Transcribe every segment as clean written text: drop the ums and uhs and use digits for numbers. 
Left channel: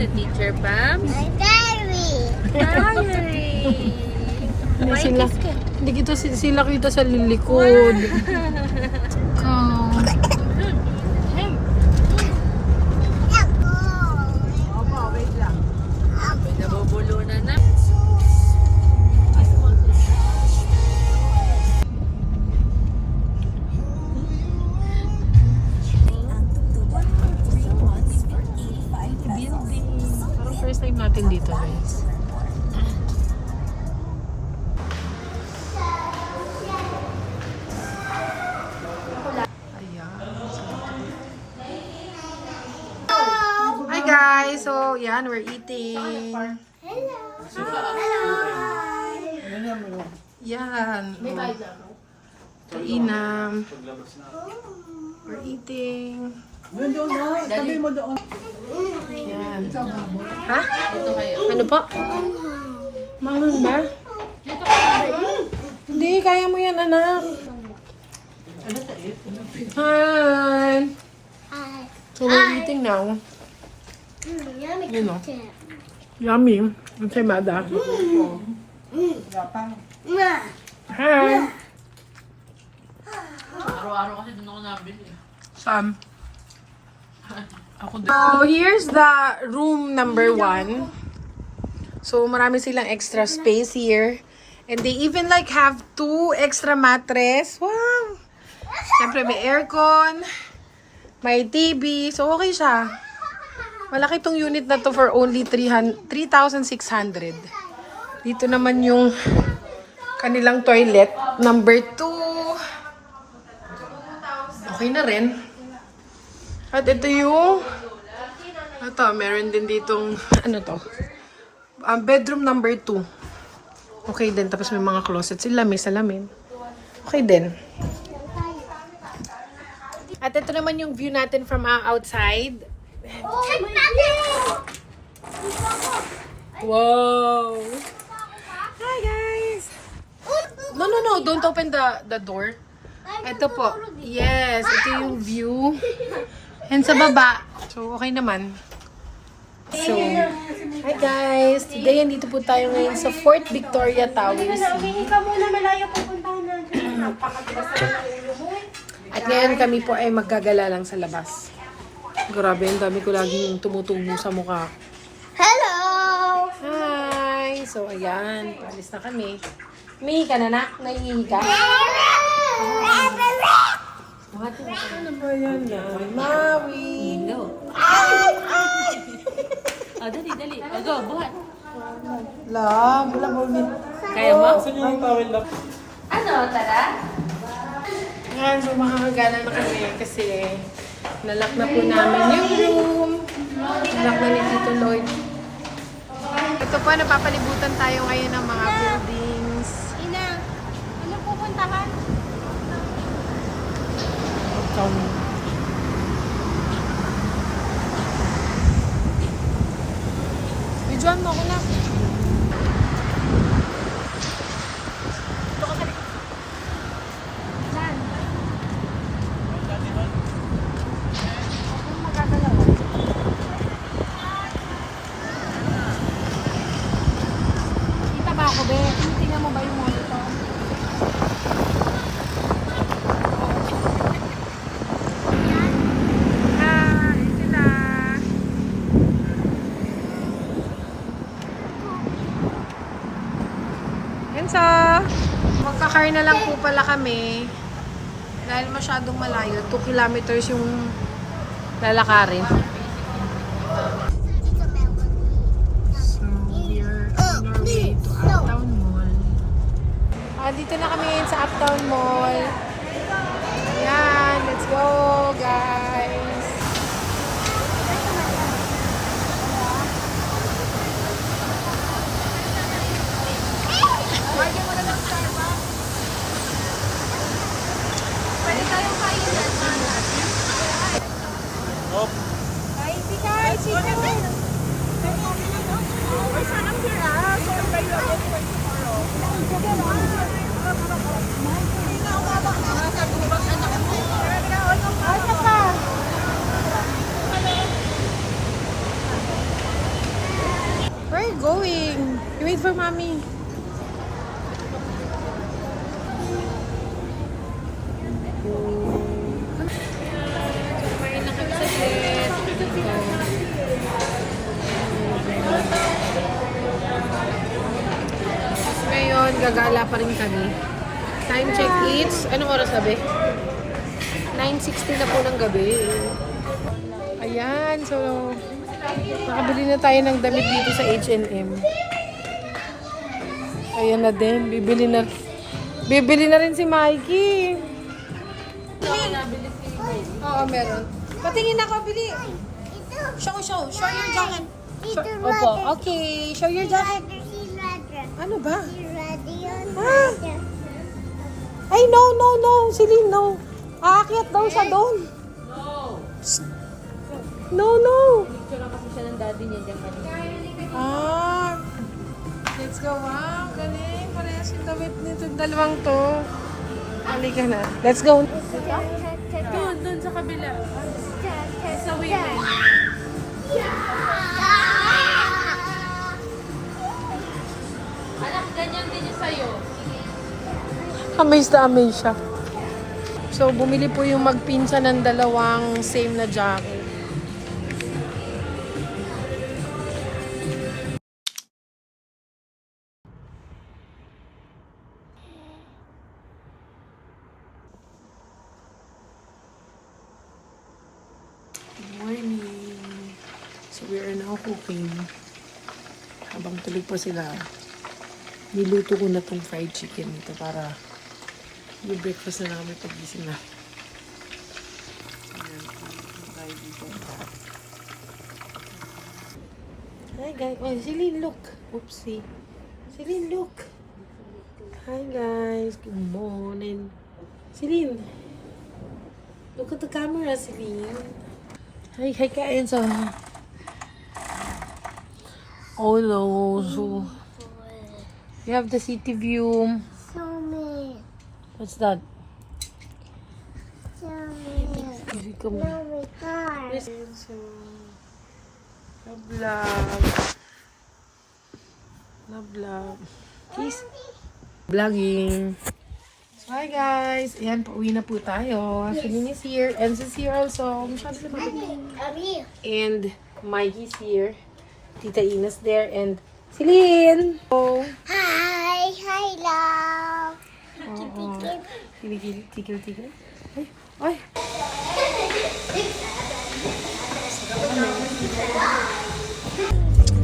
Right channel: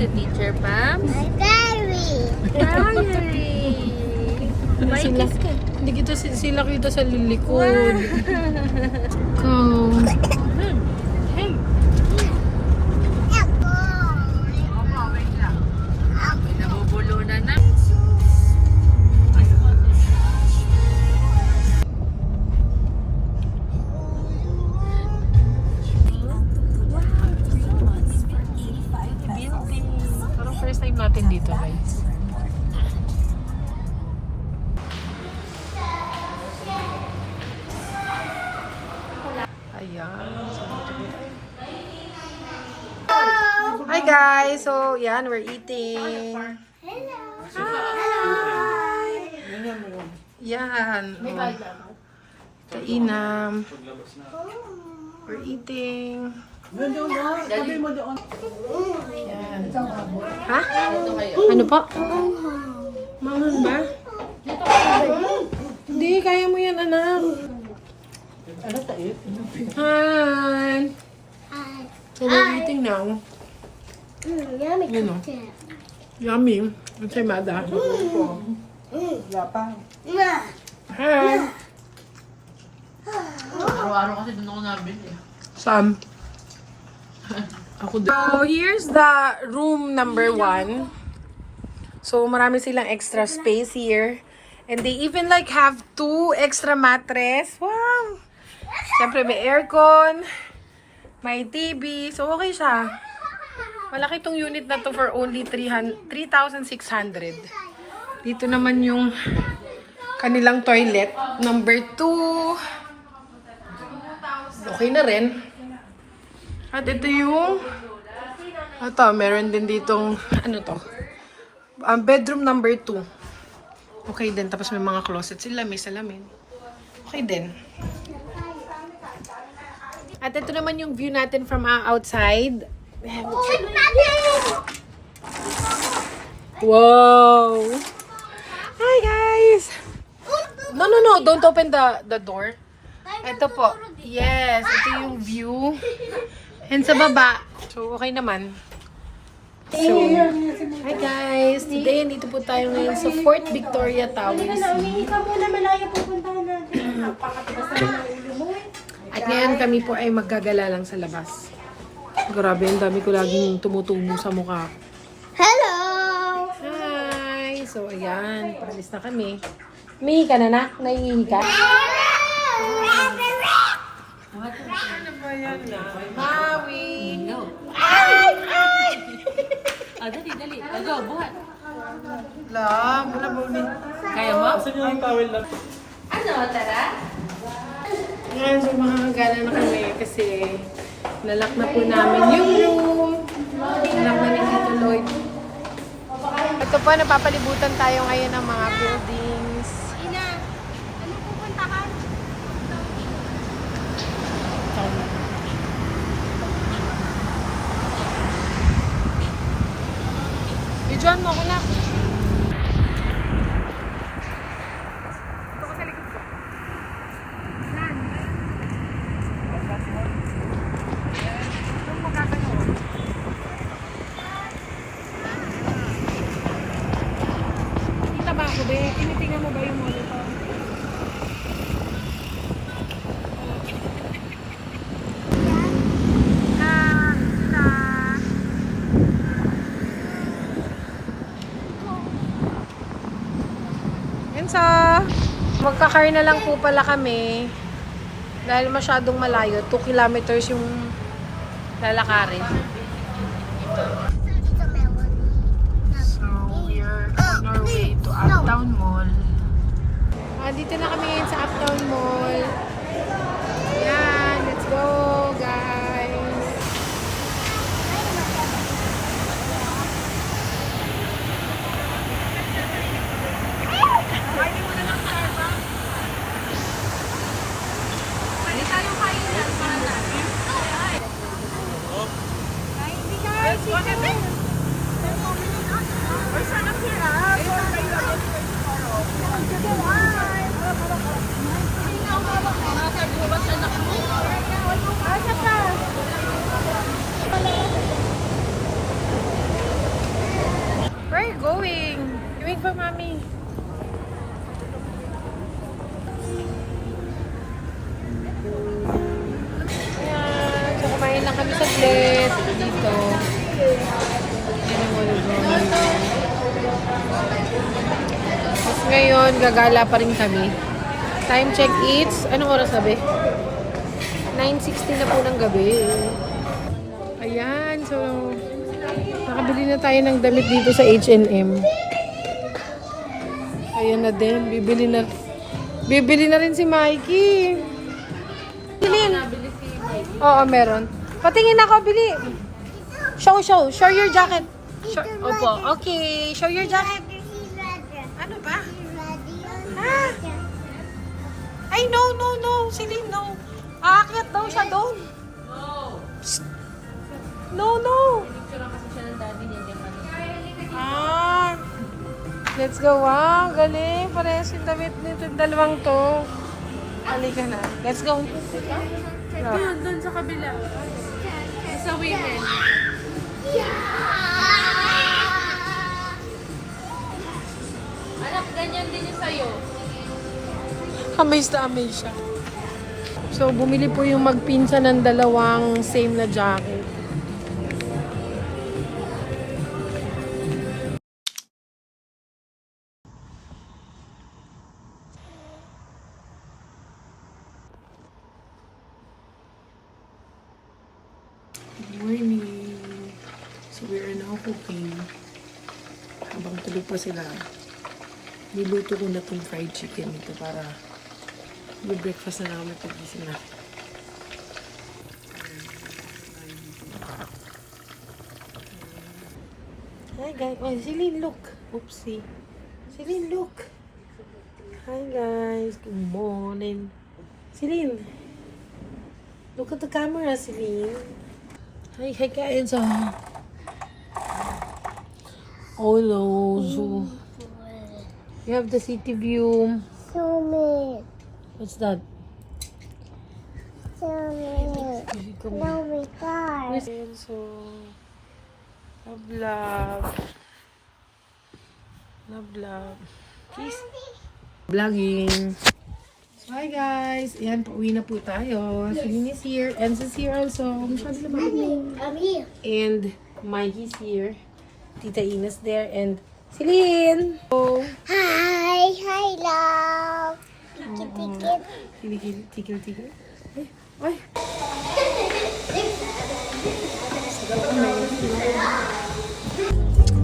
to Teacher Pam. Diary. Diary. May kiss ka. Hindi kita sila kita sa lilikod. Go. Nabubulunan na. Parang first time natin dito, guys. Ayan. Hi guys! So, yan, we're eating. Hello. Hi! Yan. Kainam. We're eating. Yan. Ha? Ano po? Manghang ba? Hindi, kaya mo yan, anak. Hi! Hi. So, we're eating now. Yummy You know. cookie. Yummy. Ang semada. Hi! Araw-araw kasi doon ako nabili. Sam. Ako din. So, here's the room number 1. So, marami silang extra space here. And they even like have 2 extra mattress. Wow! Siyempre, may aircon. May TV. So, okay siya. Malaki tong unit na to for only 3,600. Dito naman yung kanilang toilet. Number 2. Okay na rin. At ito yung meron din ditong ano to? Bedroom number 2. Okay din. Tapos may mga closet sila, may salamin. Okay din. At ito naman yung view natin from outside. Wow! Hi guys! No, don't open the door. Ito po. Yes, ito yung view. And sa baba. So, okay naman. So, hi guys! Today, andito po tayo ngayon sa Fort Victoria Tower C. At ngayon kami po ay maggagala lang sa labas. Grabe, ang dami ko laging tumutubo sa mukha. Hello. Hi! So, ayan. Paalis na kami. Umihi ka na, nak? Naiihi ka? Maui! Dali. Go, buhat. Lang, wala mo ulit. Kaya mo? Ano, tara? Ngayon, so makakagala na kami kasi nalock na po namin yung room. Nalock na ni Tito Lloyd. Ito po, napapalibutan tayo ngayon ng mga buildings. Ina, ano pupuntahan? Ijuan mo ako na. Punta ba ako, be? Tinitingnan mo ba yung monitor? Hi, sila. And so, magka-car na lang po pala kami. Dahil masyadong malayo, 2 kilometers yung lalakarin. So, we are on our way to Uptown Mall. Dito na kami ngayon sa Uptown Mall. Yan, let's go guys! for mommy. So, kumain na kami sa place. Dito. Tapos ngayon, gagala pa rin kami. Time check it's, anong oras na ba? 9:60 na po ng gabi. Ayan, so nakabili na tayo ng damit dito sa H&M. Ayan na din, bibili na rin si Mikey. Bilhin. Oo, meron. Patingin ako, bili. Show your jacket. Opo, okay, show your jacket. Ano ba? Ay, no, Celine, no. Aakyat daw siya doon. No. Picture kasi siya ng daddy niya. Let's go. Wow, galing. Parehas yung damit nito. Dalawang to. Halika na. Let's go. Doon sa kabila. Sa women. Anak, ganyan din yung sa'yo. Amaze na amaze siya. So, bumili po yung magpinsa ng dalawang same na jacket. Good morning. So, we are now cooking. Habang tulog pa sila, niluto ko na tong fried chicken nito para breakfast na namin pag-gising na. Hi guys. Oh, Celine, look. Oopsie. Celine, look. Hi guys. Good morning. Celine. Look at the camera, Celine. Hi guys. Oh no. So, we have the city view. Show me. What's that? Show me car. So, a vlog. Please. Vlogging. So, hi guys. Ayan, pauwi na po tayo. Celine is here. Enz is here also. I'm here. And Mikey's here. Tita Ina's there. And Celine. Oh. Hi, love. Tigil. Ay.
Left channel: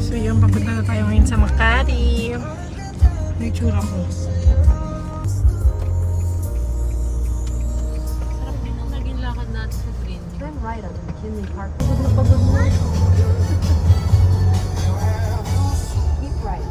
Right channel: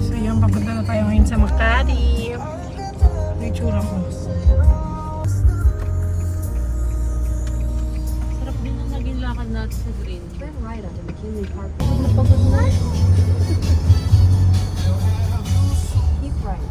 So yan, papunta na tayo ngayon sa Makati. Ano yung tsura ko? Sarap din ang naging lakad natin sa green. Turn right on McKinley Park. Pagod na. Keep right.